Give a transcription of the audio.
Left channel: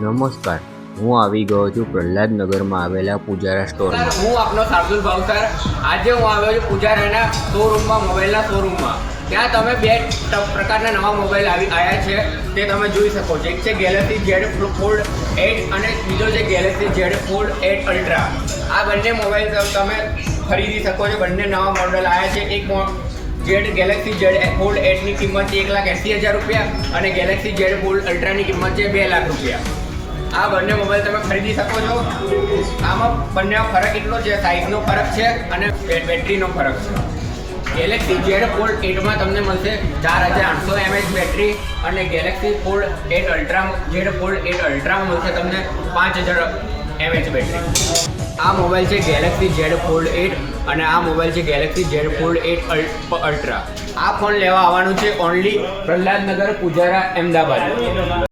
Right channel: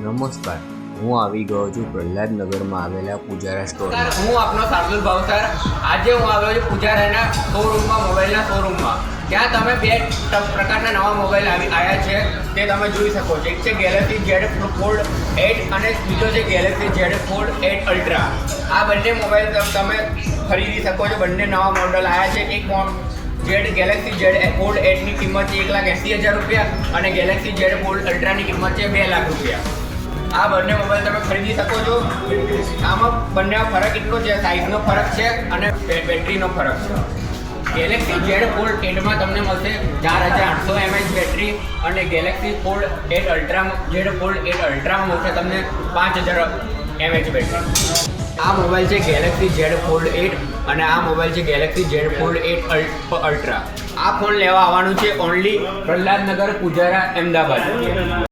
નમસ્કાર, હું આવી ગયો છું પ્રહલાદનગરમાં આવેલા પૂજારા સ્ટોરમાં. હું આપનો શાર્દુલ ભાવસર. આજે હું આવ્યો છું પૂજારાના શોરૂમમાં, મોબાઈલના શોરૂમમાં. ત્યાં તમે બે પ્રકારના નવા મોબાઈલ આવ્યા છે તે તમે જોઈ શકો છો. એક છે ગેલેક્સી Z Fold 8 અને બીજો છે ગેલેક્સી Z Fold 8 Ultra. આ બંને મોબાઈલ તમે ખરીદી શકો છો. બંને નવા મોડલ આવ્યા છે. એક ગેલેક્સી Z Fold 8 ની કિંમત છે 1,80,000 રૂપિયા અને ગેલેક્સી Z Fold Ultra ની કિંમત છે 2 લાખ રૂપિયા. આ બંને મોબાઈલ તમે ખરીદી શકો છો. આમાં બંનેમાં ફરક એટલો છે, સાઇઝનો ફરક છે અને બેટરીનો ફરક છે. ગેલેક્સી Z Fold 8માં તમને મળશે 4800 mAh બેટરી અને ગેલેક્સી Fold 8 Ultraમાં Z Fold 8 Ultraમાં મળશે તમને 5000 mAh બેટરી. આ મોબાઈલ છે ગેલેક્સી Z Fold 8 અને આ મોબાઈલ છે ગેલેક્સી Z Fold 8 Ultra. આ ફોન લેવા આવવાનું છે ઓનલી પ્રહલાદનગર, પૂજારા, અમદાવાદ.